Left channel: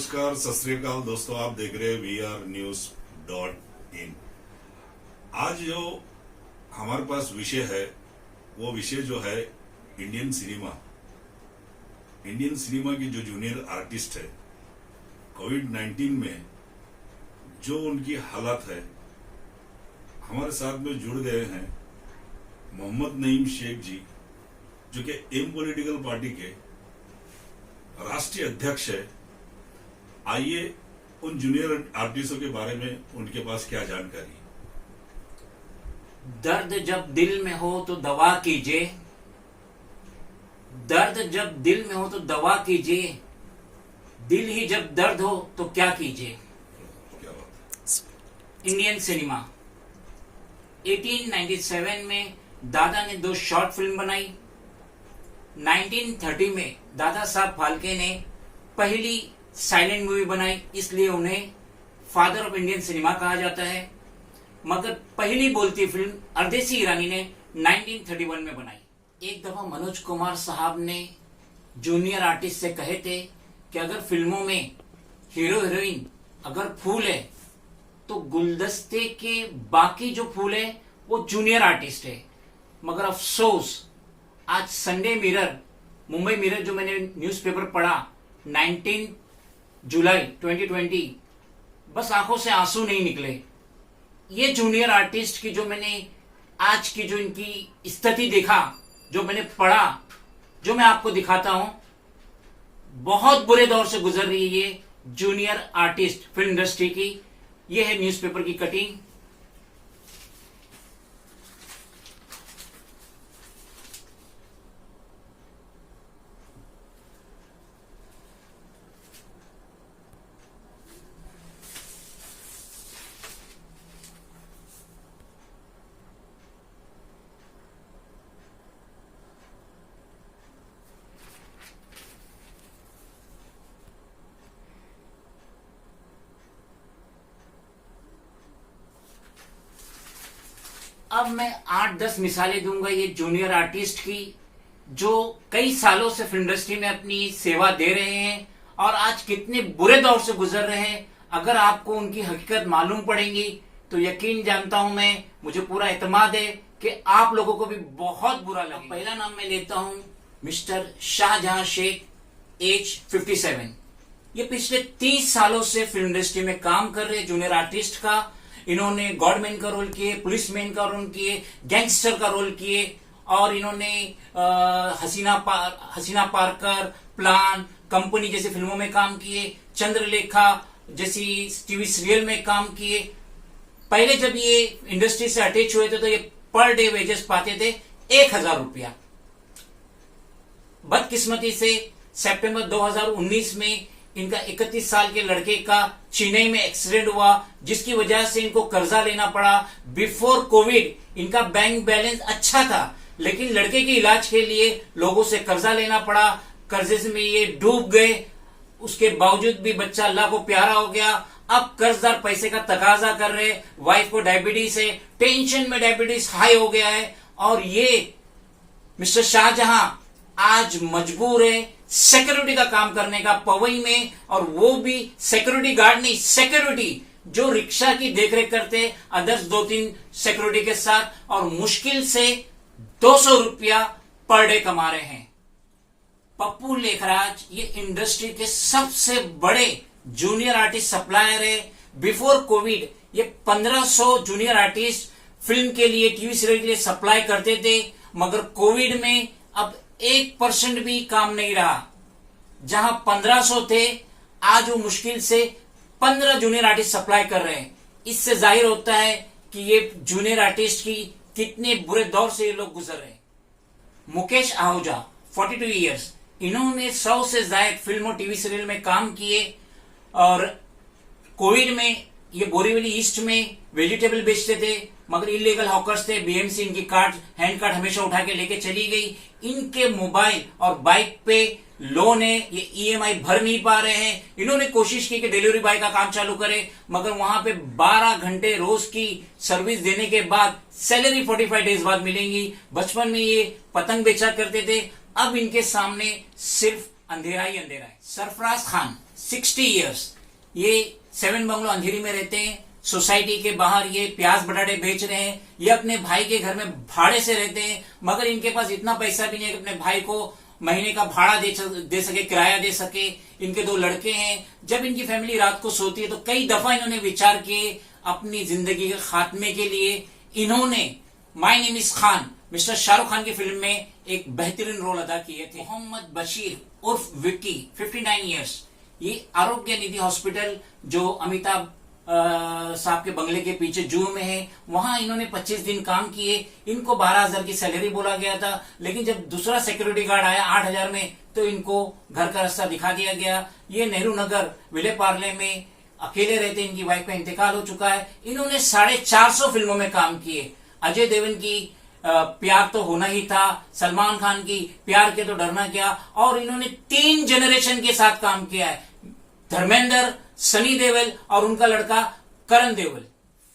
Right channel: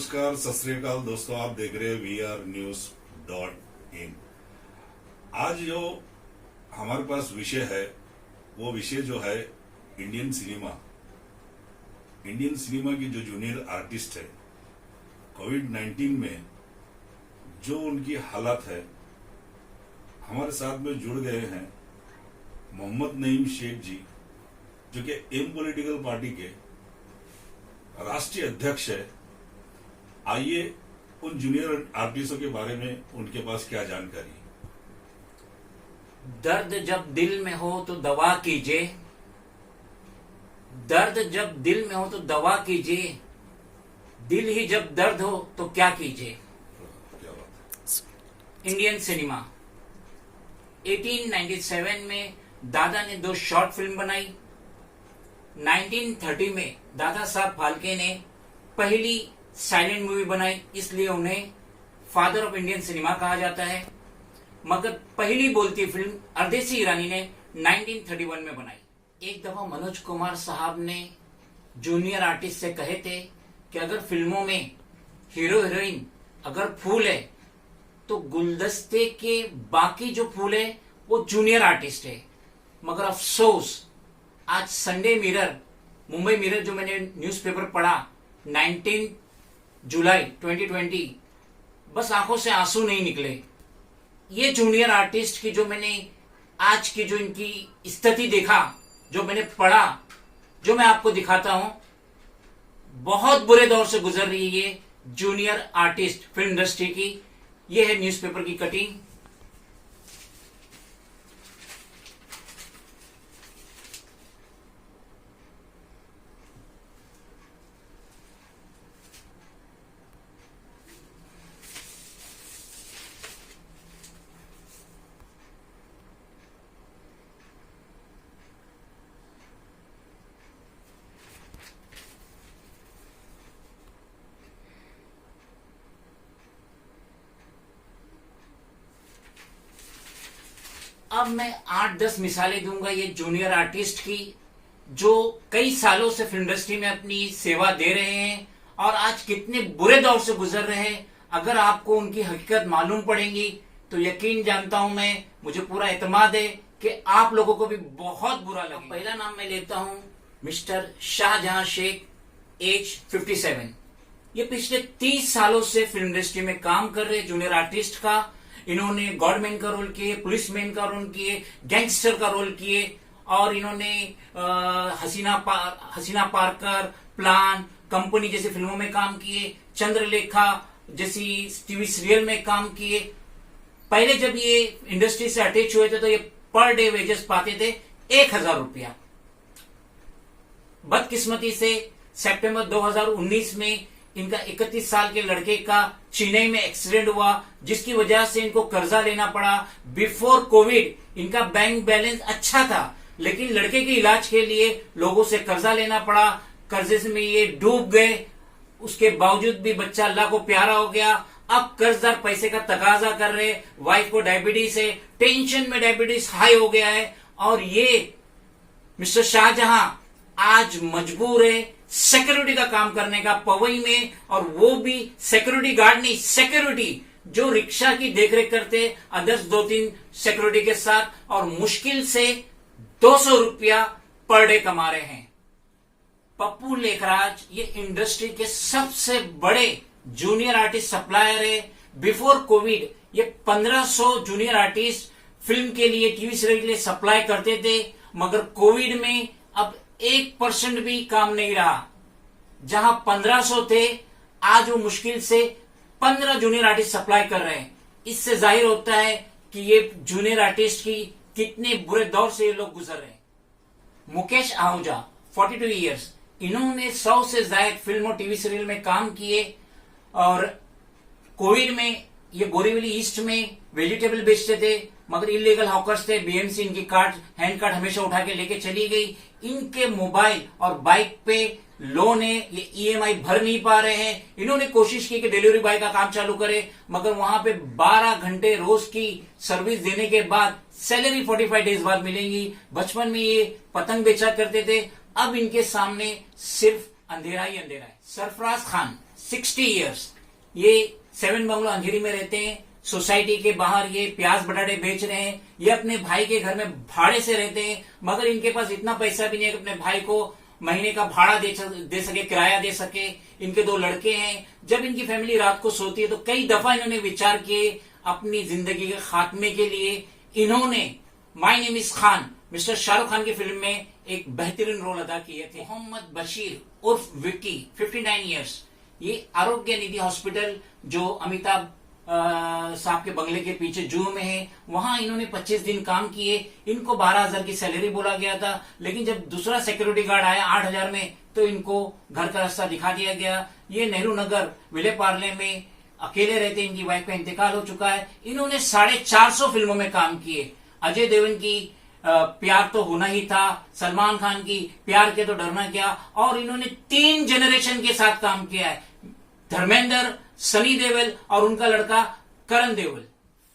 नमस्कार, सत श्री अकाल दोस्तों, आप देख रहे हैं VRnews.in। आज जो हमारे पास विषय है वो विषय जो है इंडियन सिनेमा की जो जूनियर आर्टिस्ट है, कोविड-19 में जो उनकी हालत है। हमारे साथ में जुड़ गए हैं मोहम्मद नईम शेख जी, जो कि एम पॉलिटिकल पार्टी के राष्ट्रीय अध्यक्ष है। आइए उन जूनियर आर्टिस्टों के बारे में उनके पास क्या जानकारी। दर्द जब दिल में हो तो दवा कीजिए, दर्द जब दिल में हो तो दवा कीजिए, दिल ही जब दर्द हो तो क्या कीजिए। क्या बात। इंडियन सिनेमा 1897 में दादा ने 2 शॉर्ट फिल्म बनाई। 1930 में दादा साहब फाल्के ने पहली साइलेंट मूवी बनाई, इसलिए उन्हें फादर ऑफ इंडियन सिनेमा कहा जाता है। मगर पहली बोलती फिल्म अर्देसी ईरानी ने 1931 में बनाई। एक दफा मनोज कुमार साहब ने जूनियर आर्टिस्ट से कहे थे कि अगर फिल्मों में हीरो हीरोइन अगर फूल है तो गुलदस्ते के बाकी जो फूल है वो जूनियर आर्टिस्ट है। मगर अफसोस आज संडे मिरर, मुंबई मिरर जो मैंने न्यूज़पेपर पढ़ा 19 जुलाई 2020, बस आंखों से आंसू नहीं निकले। ये जूनियर आर्टिस्ट की जो मैंने आज की जो इनकी स्थिति देखा, जो मैंने पढ़ा, जो मैं आपको दिखाता हूं, बहुत बुरे दौर से गुजर रही है ये जूनियर आर्टिस्ट फिल्म इंडस्ट्री की। ये है न्यूज़पेपर की कटिंग। अब मैं 8-10 मिसालें दूंगा ये जूनियर आर्टिस्ट की, जो कई सालों से फिल्म इंडस्ट्री में अपनी सेवा दे रहे हैं और आज कितने बुरे दौर से गुजर रहे हैं। अगर आपको उनकी हकीकत मालूम पड़ेगी तो यकीन जानता हूं मैं, मुझे पूरा एतमाद है कि आप लोगों को भी बहुत बुरा लगेगा। पहला नाम मैं लेता हूं मिस्टर शाहजहां शेख, एज 57। ये पिछले 30 सालों से फिल्म इंडस्ट्री में काम कर रहे जूनियर आर्टिस्ट का। इन्होंने गॉडमैन का रोल किए, पुलिसमैन का रोल किए, गैंगस्टर का रोल किए और इन्होंने हसीना पारकर, प्लान, कंपनी जैसी फिल्मों में काम किए, चंद्रलेखा जैसी टीवी सीरियल में काम किए। पहले जब ये इंडस्ट्री से अटैच हुए थे तो ये पर डे वेजेस पाते थे 1000 रुपया। बदकिस्मती से सितंबर 2019 में इनका 31 साल के लड़के का चेन्नई में एक्सीडेंट हुआ, जिसकी वजह से इनको कर्जा लेना पड़ा। बिफोर कोविड इनका बैंक बैलेंस अच्छा था, लेकिन लड़के के इलाज के लिए लोगों से कर्जा लेना पड़ा। कर्जे में ये डूब गए। उसके बावजूद भी बच्चा अल्लाह को प्यारा हो गया। अब कर्जदार पैसे का तकाजा कर रहे। वाइफ को डायबिटीज है, टेंशन में डायबिटीज हाई हो गया है और ये मिस्टर शाहजहां आज मजबूर है सिक्योरिटी का काम करने का पवई में, और वो भी सिक्योरिटी गार्ड नहीं, सिक्योरिटी जो रिक्शा की देखरेख करते अदर्स 2-3 सिक्योरिटी के साथ, और मुश्किल से 200 रुपया पर डे कमा रहे हैं। पप्पू लेखराज ये इंडस्ट्री के सबसे बड़े जूनियर आर्टिस्ट सप्लायर है। बिफोर कोविड ये 1500 जूनियर आर्टिस्ट फिल्म के लिए, टीवी सीरियल के लिए सप्लाई करते थे। मगर कोविड में अब 1% भी काम नहीं रहा। जहां 1500 थे, आज वो मुश्किल से 15 जूनियर आर्टिस्ट सप्लाई कर रहे हैं। इससे जाहिर होता है कि ये जूनियर आर्टिस्ट की कितने बुरे दौर से ये लोग गुजर रहे हैं। मुकेश आहूजा 42 इयर्स, इन्होंने 100 से ज्यादा फिल्म और टीवी सीरियल में काम किए और कोविड में ये बोरीवली ईस्ट में वेजिटेबल बेचते थे, मगर इलीगल हॉकर्स थे। बीएमसी इनकी कार्ड, हैंड कार्ड हमेशा उठा के लेके चली गई। इनके मोबाइल और बाइक पे लोन है, ये ईएमआई भर नहीं पा रहे हैं। इन्होंने कोशिश की कि डिलीवरी बॉय का काम चालू करे, मगर वहां पे 12 घंटे रोज की सर्विस देने के बाद सैलरी 45 डेज बाद मिलेंगी। बचपन में ये पतंग बेचा करते थे, अब इनके सामने सिर्फ अंधेरा ही अंधेरा है। सरफराज खान 60 इयर्स। ये 7 बंगलो अंधेरी में रहते हैं। सोसाइटी के बाहर ये प्याज बटाटे बेच रहे हैं। ये अपने भाई के घर में भाड़े से रहते हैं, मगर इनके पास इतना पैसा भी नहीं है कि अपने भाई को महीने का भाड़ा दे सके, किराया दे सके। इनके 2 लड़के हैं। जब इनकी फैमिली रात को सोती है तो कई दफा इन्होंने विचार किए अपनी जिंदगी के खात्मे के लिए। इन्होंने my name is Khan, mister Shahrukh Khan की फिल्म में एक बेहतरीन रोल अदा किए थे। मोहम्मद बशीर उर्फ विक्की, 59 इयर्स। ये आरोग्य निधि हॉस्पिटल जो अमिताभ साहब के बंगले के पीछे जुहू में है, वहां इन्होंने 25 दिन काम किए। इनको 12,000 की सैलरी बोला गया था, लेकिन जब दूसरा सिक्योरिटी गार्ड आया 8,000 में, तो इनको घर का रास्ता दिखा दिया गया। ये नेहरू नगर विले पार्ले में अकेले रहते। इनकी वाइफ का इंतकाल हो चुका है। इन्होंने 450 फिल्मों में काम किए। अजय देवगन की प्यार तो होना ही था, सलमान खान की प्यार के तो डरना क्या, और इन्होंने 3 जनरेशन के साथ काम किया है। धर्मेंद्र, सनी देओल और उनका लड़का करण देओल।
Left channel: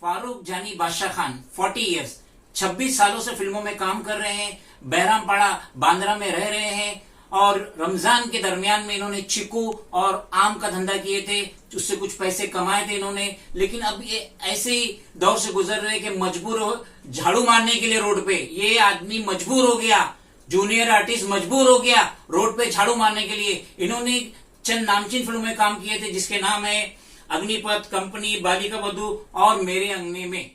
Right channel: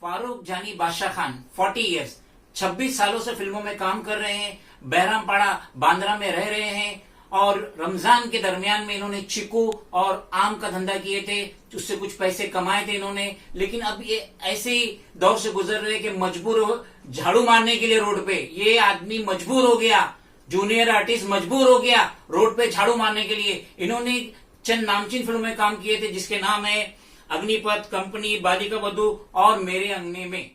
फारूक जानी बादशाह खान, 40 इयर्स, 26 सालों से फिल्मों में काम कर रहे हैं। बहरामपाड़ा बांद्रा में रह रहे हैं और रमजान के दरमियान में इन्होंने चीकू और आम का धंधा किए थे, उससे कुछ पैसे कमाए थे इन्होंने। लेकिन अब ये ऐसे ही दौर से गुजर रहे कि मजबूर हो झाड़ू मारने के लिए रोड पे। ये आदमी मजबूर हो गया, जूनियर आर्टिस्ट मजबूर हो गया रोड पे झाड़ू मारने के लिए। इन्होंने चंद नामचीन फिल्मों में काम किए थे, जिसके नाम है अग्निपथ, कंपनी, बालिका वधू और मेरे अंगने में।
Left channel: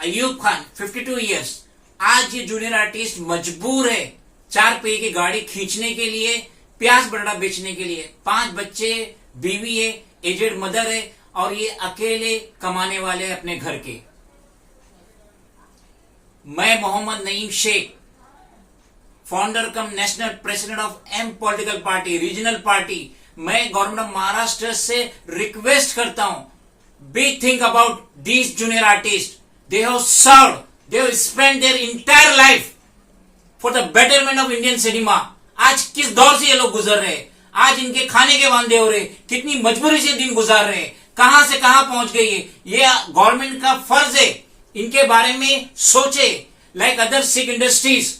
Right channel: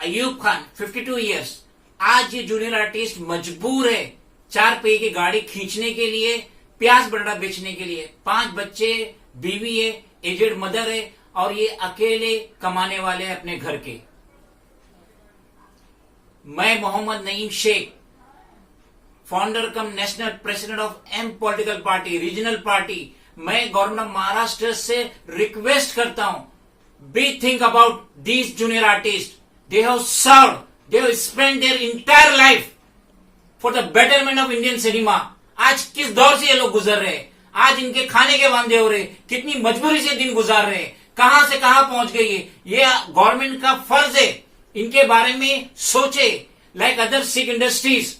अयूब खान, 52 इयर्स। आज ये जूनियर आर्टिस्ट मजबूर है 4 पहिए की गाड़ी खींचने के लिए, प्याज बटाटा बेचने के लिए। 5 बच्चे, बीवी है, एजेड मदर है, और ये अकेले कमाने वाले हैं अपने घर के। मैं Mohammad Naeem Shaikh, founder cum national president of M political party, regional party, मैं गवर्नमेंट ऑफ महाराष्ट्र से रिक्वेस्ट करता हूं, be think about these junior artist. They have served, they have spend their entire life for the betterment of Indian cinema. आज किस दौर से ये लोग गुजर रहे हैं, आज इनके खाने के वांदे हो रहे, कितनी मजबूरी से दिन गुजार रहे, कहां से कहां पहुंच गई है। ये गवर्नमेंट का फर्ज है इनके बारे में सोचे, लाइक अदर सिख इंडस्ट्रीज,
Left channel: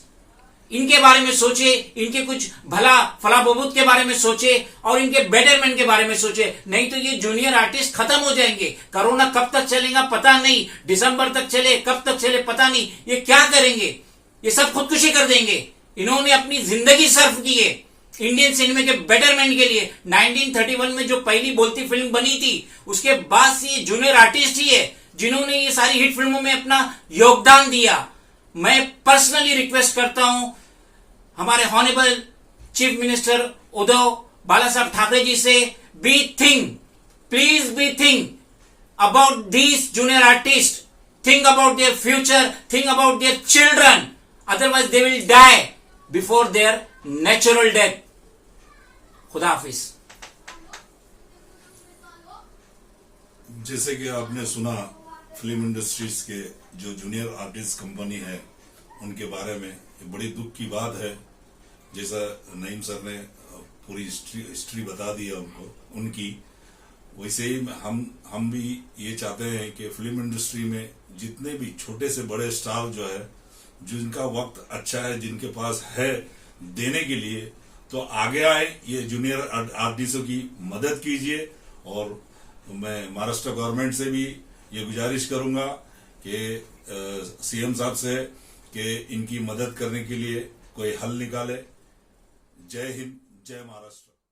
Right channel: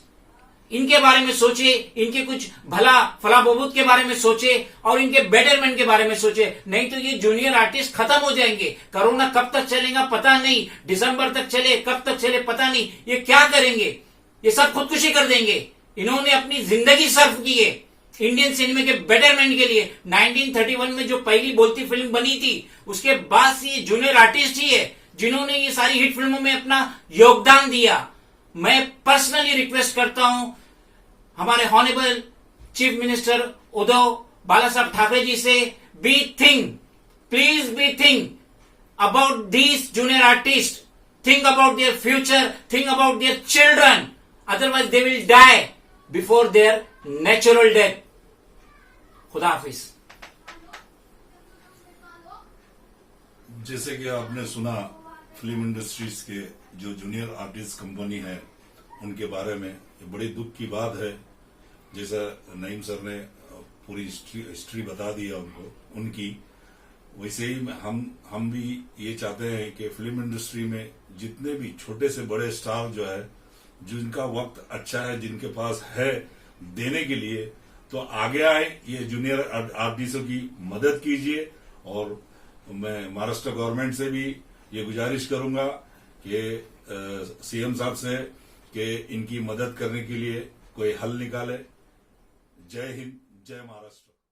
इनके बारे में सोचे, इनके कुछ भला फला बबूत के बारे में सोचे और इनके बेटरमेंट के बारे में सोचे। नहीं तो ये जूनियर आर्टिस्ट खत्म हो जाएंगे। कोरोना कब तक चलेगा पता नहीं, दिसंबर तक चले, कब तक चले पता नहीं। ये क्या करेंगे, ये सब खुदकुशी कर देंगे। इन्होंने अपनी जिंदगी सर्व की है इंडियन सिनेमा के बेटरमेंट के लिए। 1931 में जो पहली बोलती फिल्म बनी थी, उसके बाद से ये जूनियर आर्टिस्ट ही है जिन्होंने ये सारी हिट फिल्मों में अपना योगदान दिया। मैं पर्सनली रिक्वेस्ट करता हूं हमारे honourable chief minister Uddhav Balasaheb Thackeray ji से, be think, please be think about these junior artist, think about their future, think about their children, otherwise they will die before their natural death. खुदा हाफिज। जैसे कि आपने सुना फिल्म इंडस्ट्रीज के जो junior artist company है उनके बारे में, ये बड़ी दुख की बात है। जैसा नईम सर ने पूरी हिस्ट्री बता दी है उनकी, वैसे ही हम भी ये चाहते हैं कि फिल्म इंडस्ट्री में जितने भी छोटे से बड़े स्टार जो है, जिनका वक्त अच्छा है, जिनके पास है देने के लिए, तो आगे आए, ये जूनियर आर्टिस्टों की मदद कीजिए। और मैं महाराष्ट्र गवर्नमेंट से भी ये गुजारिश करूंगा कि सीएम साहब से कि इनकी मदद करने के लिए कोई हल निकाले। जय हिंद, जय महाराष्ट्र।